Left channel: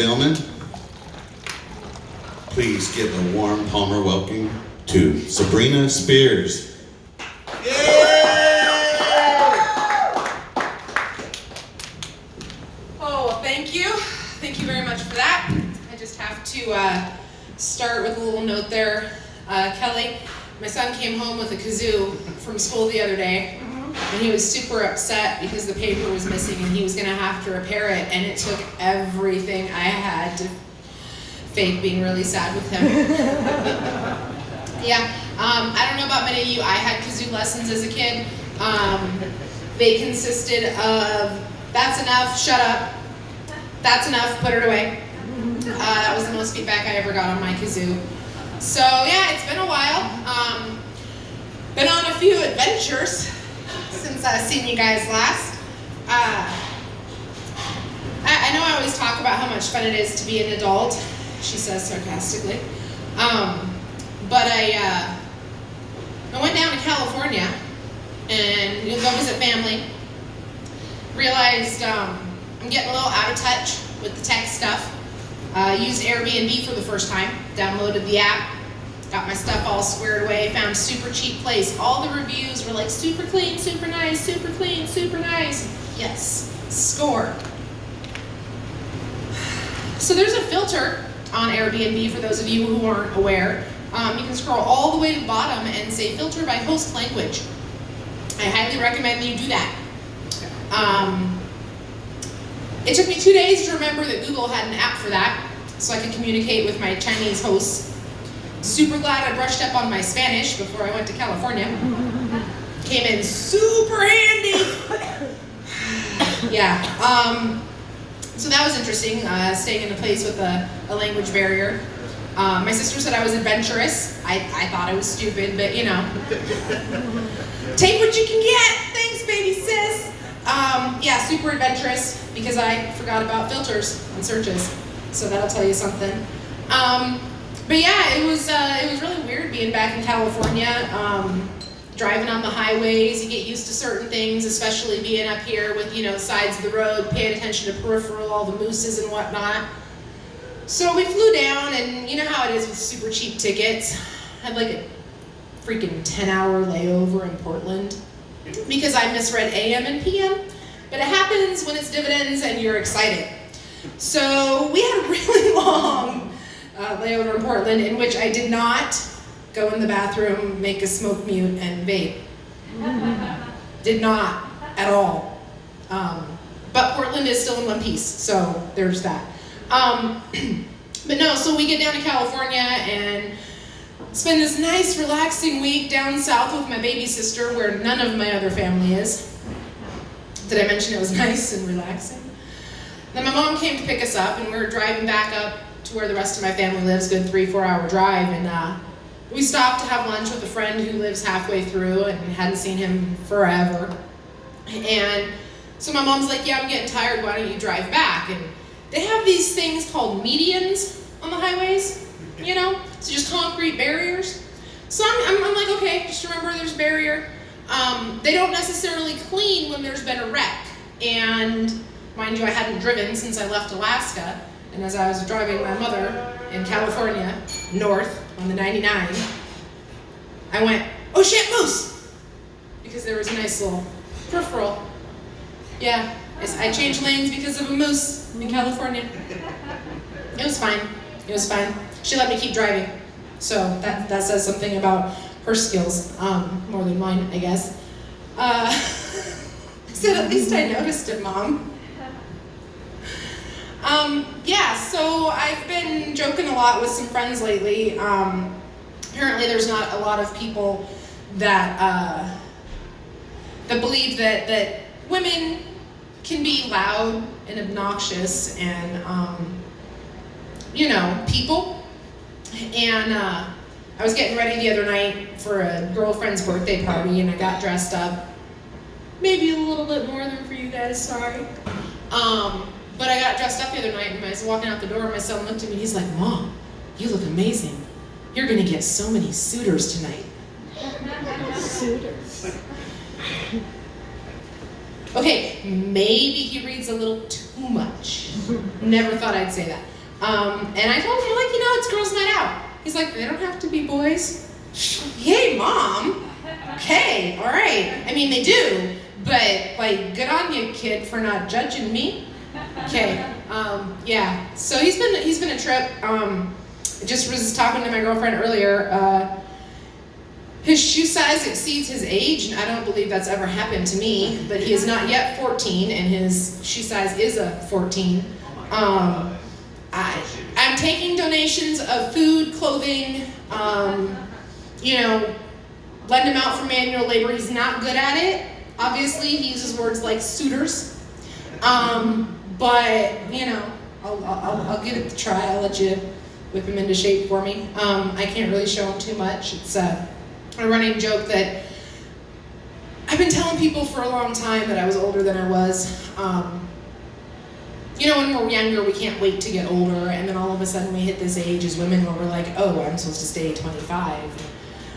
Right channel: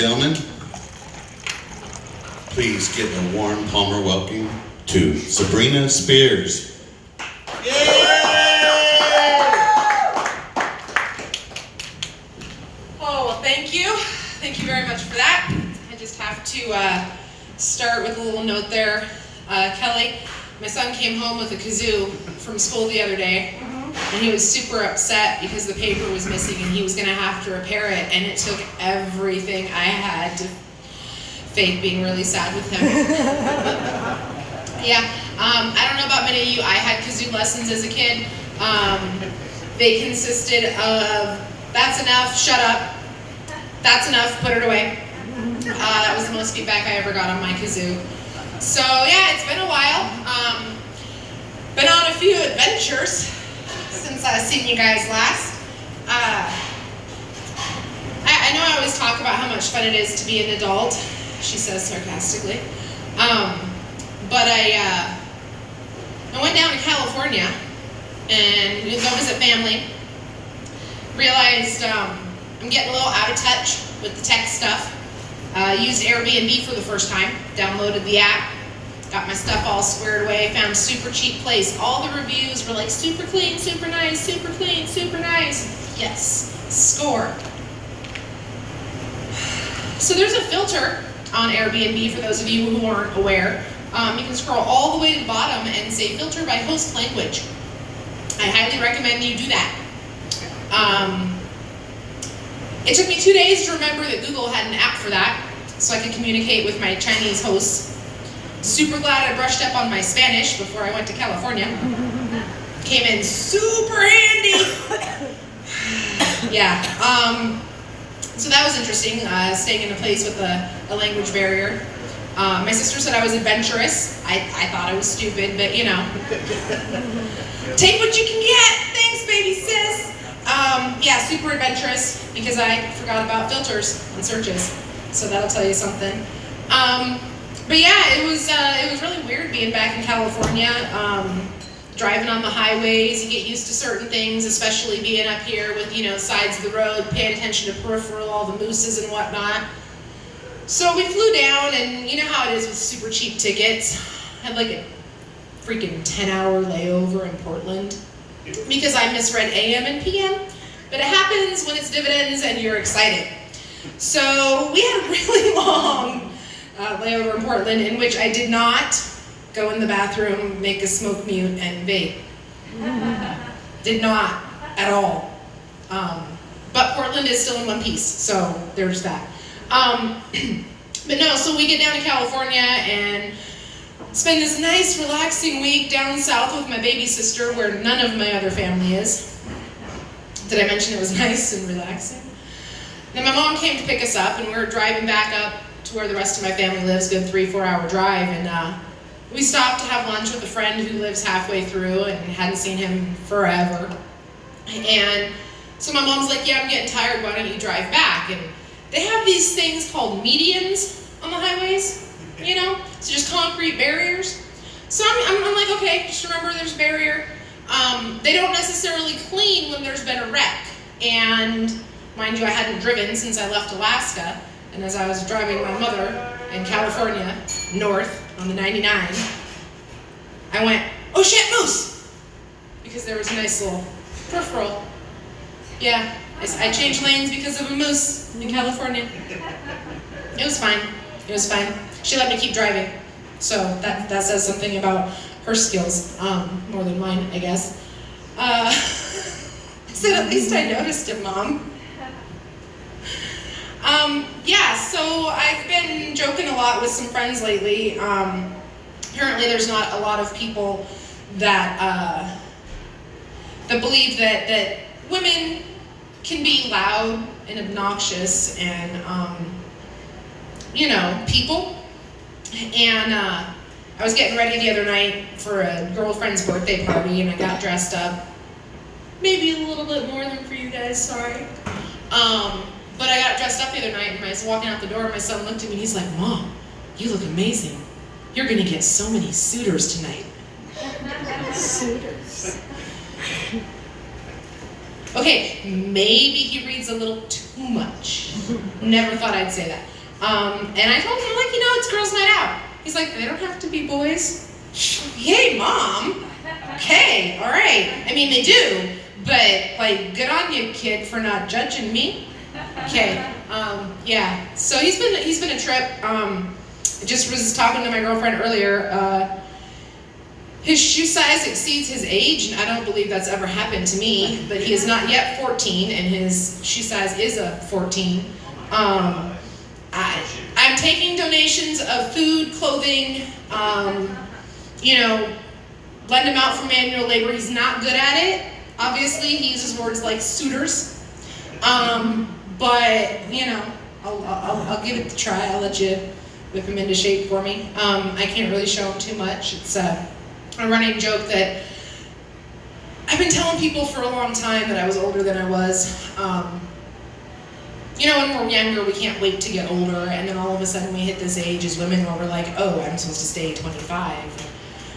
Gentlemen, please give a warm Palmer welcome to Sabrina Spears. Oh, well, thank you. Thank you very much for that. I just have to start with a little note there. Kelly, my son came home with a kazoo from school the other day, and he was super upset because the paper was missing and he was going to have to repair it, and it took everything I had to fake being really sad with him. Yeah, I don't know about many of you. I had kazoo lessons as a kid. They consisted of, that's enough, shut up, that's enough, put it away. That was the most feedback I ever got on my kazoo. So yeah, it's been a while. Been on a few adventures since I've seen you guys last. I know I always talk about how much fun it is to be an adult, she says sarcastically. But I went down to California and go visit family. Realized I'm getting a little out of touch with the tech stuff. Used Airbnb for the first time, downloaded the app, got my stuff all squared away, found a super cheap place. All the reviews were like super clean, super nice, super clean, super nice. Yes, score. So there's a filter on Airbnb for those of you who aren't aware. You can scroll all the way to the bottom and say filter by host language. I highly recommend you do that. It took me 2 days to remember that Google had an app for that, so I could communicate with my Chinese hosts. Super glad I brushed up on my Spanish before I went to California. Came in super handy. Yeah, so that was interesting, staying in a place with a language barrier. My sister said I was adventurous. I thought I was stupid, but you know. Take what you can get. Thanks, baby sis. Yeah, super adventurous because I forgot about filters on searches, so that'll tell you something. But yeah, it was really weird being back in California, driving on the highways. You get used to certain things, especially being up here with, you know, sides of the road, paying attention to peripheral, all the mooses and whatnot. So we flew down, and you know how it is with super cheap tickets. I had like a freaking 10-hour layover in Portland because I misread AM and PM. But it happens when it's dividends and you're excited. So we had a really long layover in Portland in which I did not go in the bathroom, make a smoke mute, and vape. Did not at all. But Portland is still in one piece, so there's that. But no, so we get down to California and spend this nice, relaxing week down south with my baby sister where none of my other family is. Did I mention it was nice and relaxing? Then my mom came to pick us up, and we were driving back up to where the rest of my family lives, good 3-4 hour drive, and we stopped to have lunch with a friend who lives halfway through and hadn't seen him forever. And so my mom's like, yeah, I'm getting tired, why don't you drive back? And they have these things called medians on the highways, you know? So just concrete barriers. So I'm like, okay, just remember there's a barrier. They don't necessarily clean when there's been a wreck. And mind you, I hadn't driven since I left Alaska. And as I was driving my mother in California, north on the 99, I went, oh shit, moose! Because there was a nice little peripheral. Yeah, I changed lanes because of a moose in California. It was fine. It was fine. She let me keep driving. So that says something about her skills, more than mine, I guess. I said, at least I noticed it, Mom. Yeah, so I've been joking a lot with some friends lately. Apparently there's not a lot of people that believe that women can be loud and obnoxious and, you know, people. And I was getting ready the other night for a girlfriend's birthday party, and I got dressed up. Maybe a little bit more than for you guys, sorry. But I got dressed up the other night, and I was walking out the door, and my son looked at me, and he's like, Mom, you look amazing. You're gonna get so many suitors tonight. Suitors. Okay, maybe he reads a little too much. Never thought I'd say that. And I told him, like, it's girls' night out. He's like, they don't have to be boys. Yay, Mom. Okay, all right. I mean, they do, but like, good on you, kid, for not judging me. Okay, yeah. So he's been a trip. I just was talking to my girlfriend earlier. His shoe size exceeds his age, and I don't believe that's ever happened to me, but he is not yet 14, and his shoe size is a 14. I'm taking donations of food, clothing, lend him out for manual labor. He's not good at it. Obviously, he uses words like suitors. But, I'll give it a try. I'll let you whip him into shape for me. I can't really show him too much. It's a running joke that I've been telling people for a long time that I was older than I was. When we're younger, we can't wait to get older, and then all of a sudden we hit this age as women where we're like, oh, I'm supposed to stay 25.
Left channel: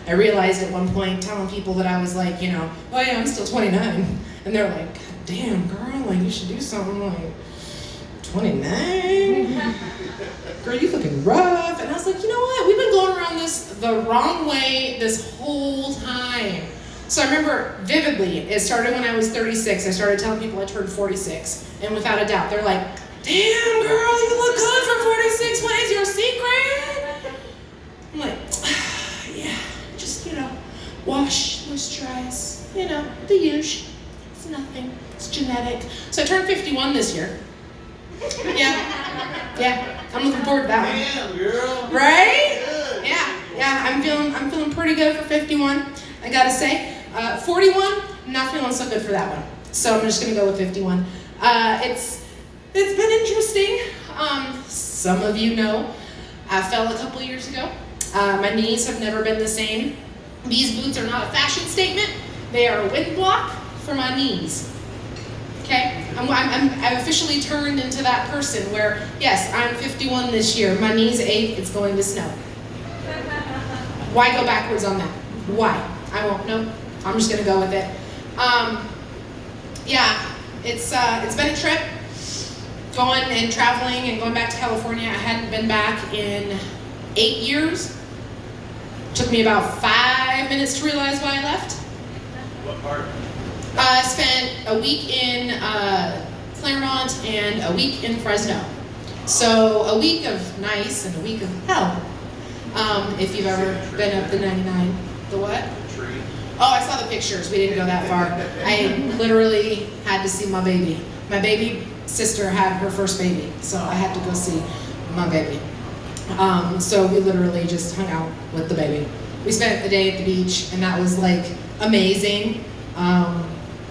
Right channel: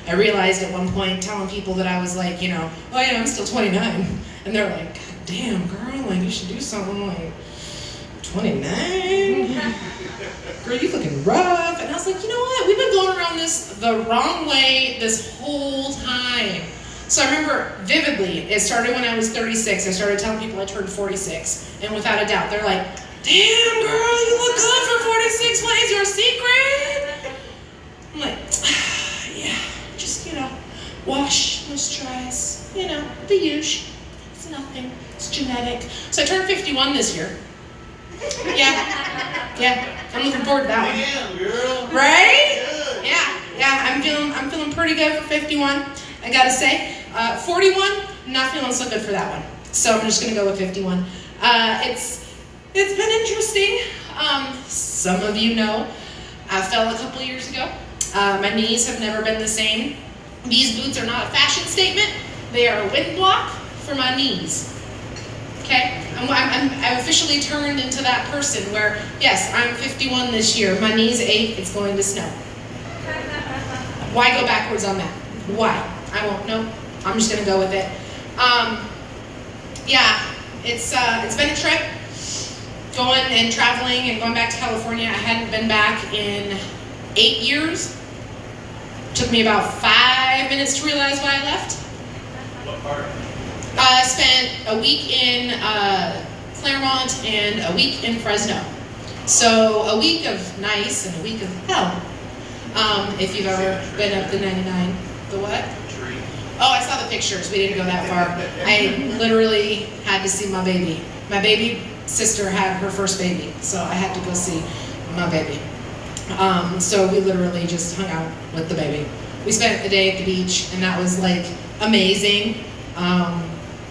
I realized at one point telling people that I was like, oh yeah, I'm still 29. And they're like, God damn, girl, like you should do something like 29? Girl, you looking rough. And I was like, you know what? We've been going around this the wrong way this whole time. So I remember vividly, it started when I was 36. I started telling people I turned 46. And without a doubt, they're like, damn, girl, you look good for 46. What is your secret? I'm like, yeah, just, wash, moisturize, the usual. It's nothing. It's genetic. So I turned 51 this year. Yeah, I'm looking forward to that one. Damn, girl. Right? Yeah, I'm feeling pretty good for 51. I gotta say, 41, not feeling so good for that one. So I'm just gonna go with 51. It's been interesting. Some of you know, I fell a couple years ago. My knees have never been the same. These boots are not a fashion statement. They are a wind block for my knees. Okay, I officially turned into that person where, yes, I'm 51 this year. My knees ache. It's going to snow. Why go backwards on that? Why? I won't. No, I'm just gonna go with it. It's been a trip. Going and traveling and going back to California. I hadn't been back in 8 years. Took me about 5 minutes to realize why I left. What part? I spent a week in Claremont and a week in Fresno. So a week of nice and a week of hell. If you've ever been up the 99. The what? Tree. Oh, I saw the pictures. We didn't go that far. I literally had to see my baby. My baby sister had her first baby, so I had to go see my baby. So we literally just hung out with the baby. We spent the day at the beach, and that was like amazing.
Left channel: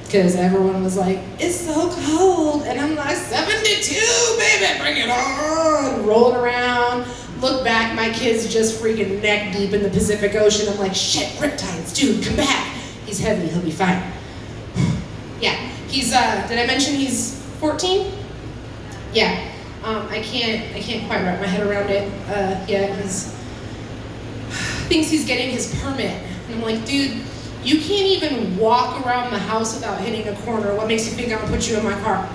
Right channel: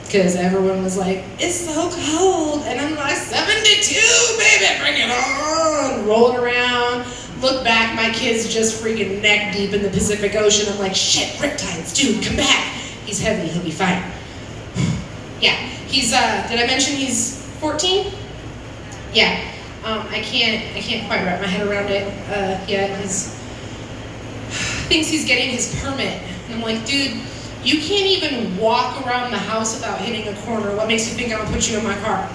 Because everyone was like, it's so cold. And I'm like, 72, baby, bring it on. Rolling around. Look back, my kid's just freaking neck deep in the Pacific Ocean. I'm like, shit, riptides, dude, come back. He's heavy, he'll be fine. Yeah, he's, did I mention he's 14? Yeah, I can't quite wrap my head around it yet. Thinks he's getting his permit. And I'm like, dude, you can't even walk around the house without hitting a corner. What makes you think I'm gonna put you in my car?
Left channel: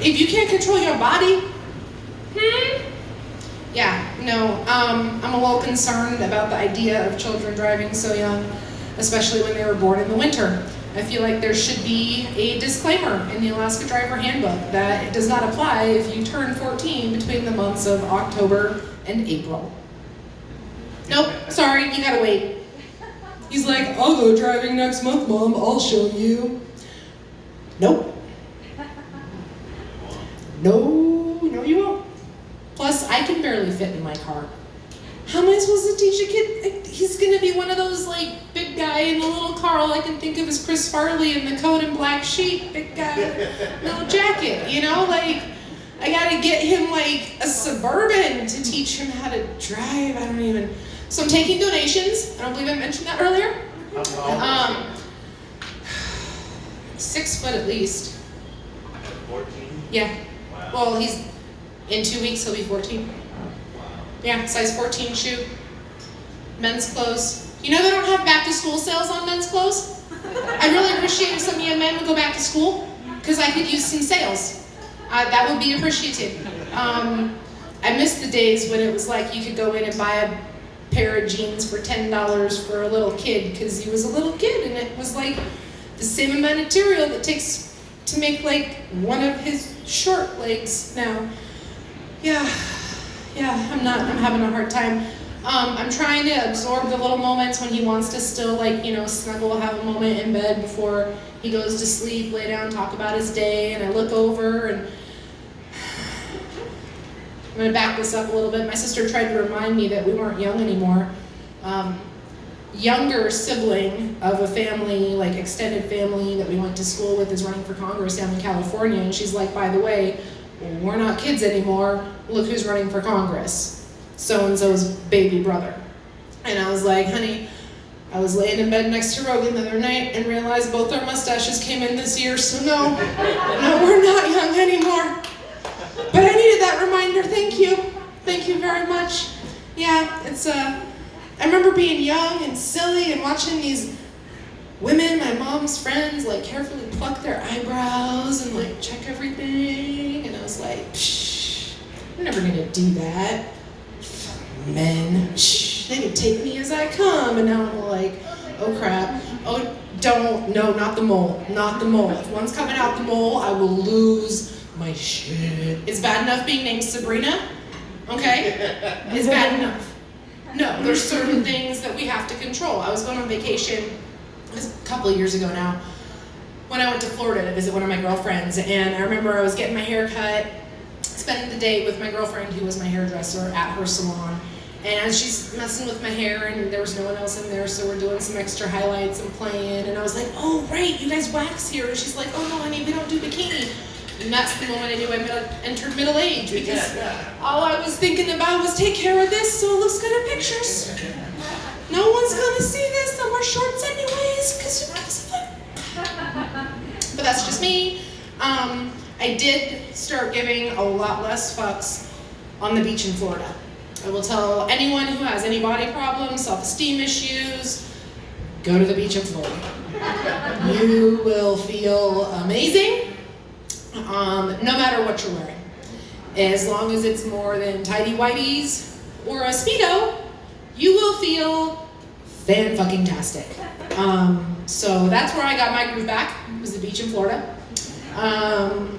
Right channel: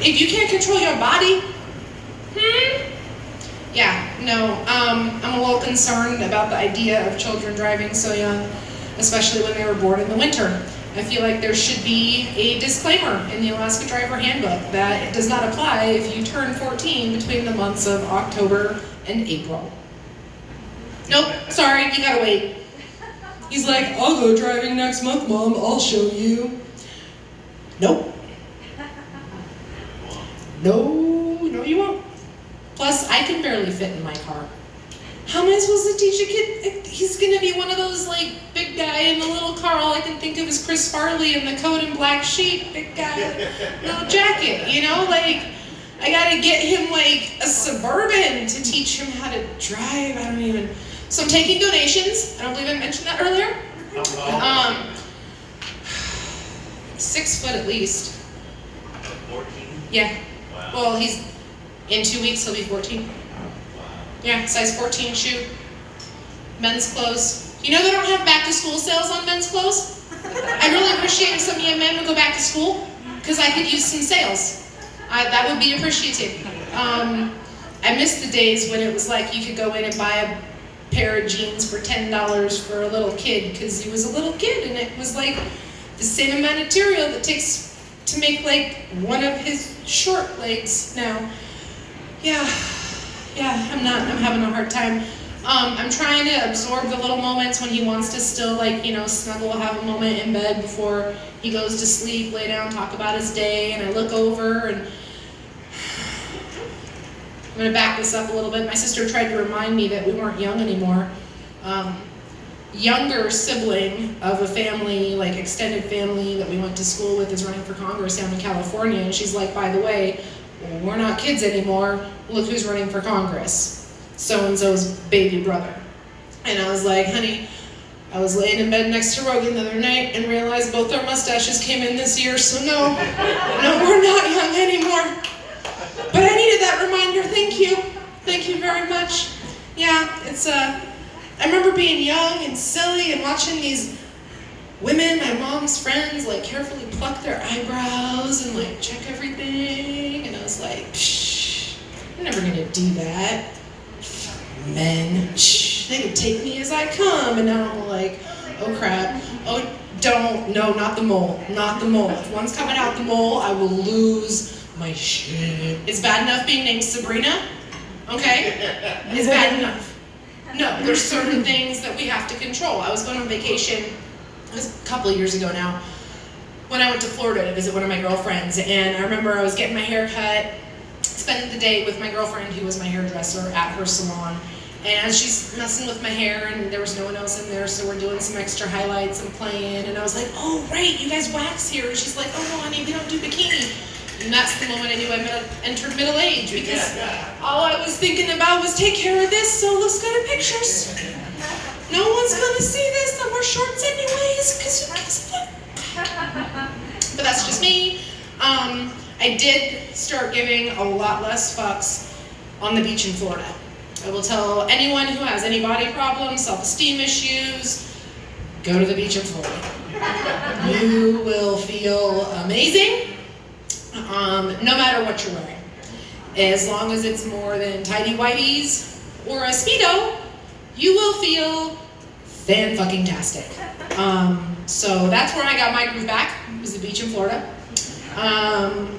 If you can't control your body, Yeah, no, I'm a little concerned about the idea of children driving so young, especially when they were born in the winter. I feel like there should be a disclaimer in the Alaska Driver Handbook that it does not apply if you turn 14 between the months of October and April. Nope, sorry, you gotta wait. He's like, I'll go driving next month, Mom, I'll show you. Nope. No, you won't. Plus, I can barely fit in my car. How am I supposed to teach a kid? He's gonna be one of those, like, big guy in the little car. All I can think of is Chris Farley in the coat and black sheet. Big guy, no jacket, Like, I gotta get him, like, a Suburban to teach him how to drive. So I'm taking donations. I don't believe I mentioned that earlier. 6 foot at least. 14? Yeah. Wow. Well, in 2 weeks he'll be 14. Yeah, size 14 shoe. Men's clothes. They don't have back to school sales on men's clothes? I really appreciate if some young men would go back to school, because I could use some sales. That would be appreciated. I miss the days when it was like you could go in and buy a pair of jeans for $10 for a little kid because he was a little kid, and it was like the same amount of material that takes to make like one of his short legs now. Yeah, I'm having a hard time. I'm trying to absorb the little moments when he wants to still like, snuggle, have a moment in bed before he goes to sleep, lay down, talk about his day, and I look over and I'm gonna back this up a little bit. My sister tried to remind me that we weren't young anymore. Younger sibling of a family, like extended family that we went to school with, is running for Congress down in California, and she's like, by the way, we're not kids anymore. Look who's running for Congress. So-and-so's baby brother. And I was like, honey, I was laying in bed next to Rogan the other night and realized both our mustaches came in this year, so no, we're not young anymore. But I needed that reminder, thank you. Thank you very much. Yeah, I remember being young and silly and watching these women, my mom's friends, like carefully pluck their eyebrows and like check everything. And I was like, psh, I'm never gonna do that. Men, shh, they can take me as I come. And now I'm like, oh crap. Oh, no, not the mole, not the mole. If one's coming out the mole, I will lose my shit. It's bad enough being named Sabrina, okay? It's bad enough. No, there's certain things that we have to control. I was going on vacation, it was a couple of years ago now, when I went to Florida to visit one of my girlfriends, and I remember I was getting my hair cut, spending the day with my girlfriend who was my hairdresser at her salon, and as she's messing with my hair and there was no one else in there, so we're doing some extra highlights and playing, and I was like, oh right, you guys wax here, and she's like, oh no honey, we don't do bikini. And that's the moment I knew I entered middle age, because all I was thinking about was take care of this so it looks good in pictures. No one's gonna see this, no more shorts anyways, because who gives a fuck? But that's just me. I did start giving a lot less fucks on the beach in Florida. I will tell anyone who has any body problems, self-esteem issues, go to the beach in Florida. You will feel amazing. No matter what you're wearing. As long as it's more than tidy whities or a Speedo, you will feel fan-fucking-tastic. So that's where I got my groove back, was the beach in Florida.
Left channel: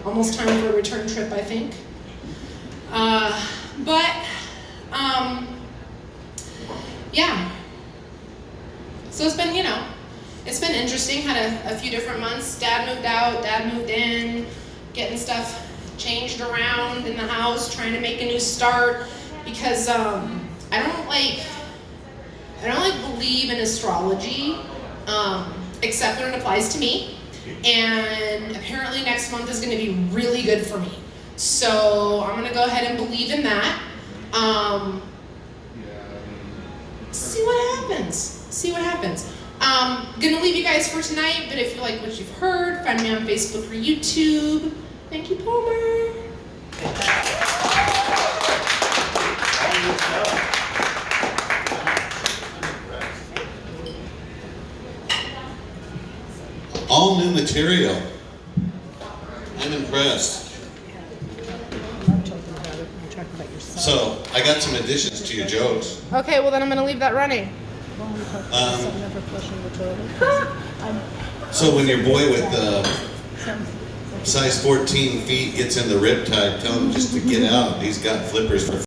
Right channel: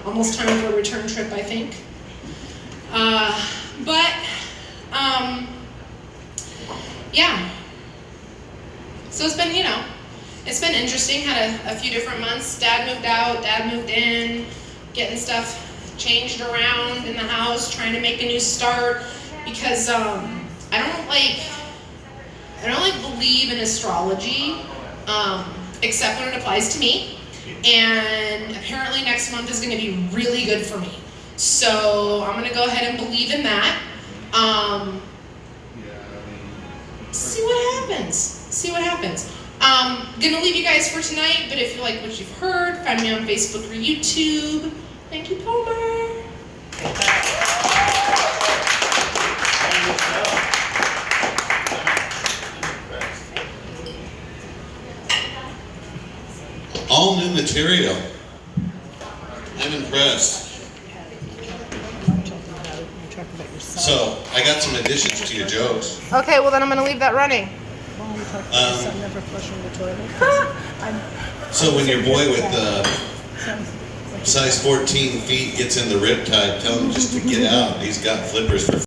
Almost time for a return trip, I think. Yeah. So it's been, it's been interesting. Had a few different months. Dad moved out, Dad moved in, getting stuff changed around in the house, trying to make a new start, because I don't believe in astrology, except when it applies to me. And apparently next month is going to be really good for me. So I'm going to go ahead and believe in that. See what happens. Gonna leave you guys for tonight, but if you like what you've heard, find me on Facebook or YouTube. Thank you, Palmer. All new material. I'm impressed. So, I got some additions to your jokes. Okay, well then I'm gonna leave that running. Never flushing the toilet. So when your boy with size 14 feet gets in the riptide, tell him just to get out. He's got flippers for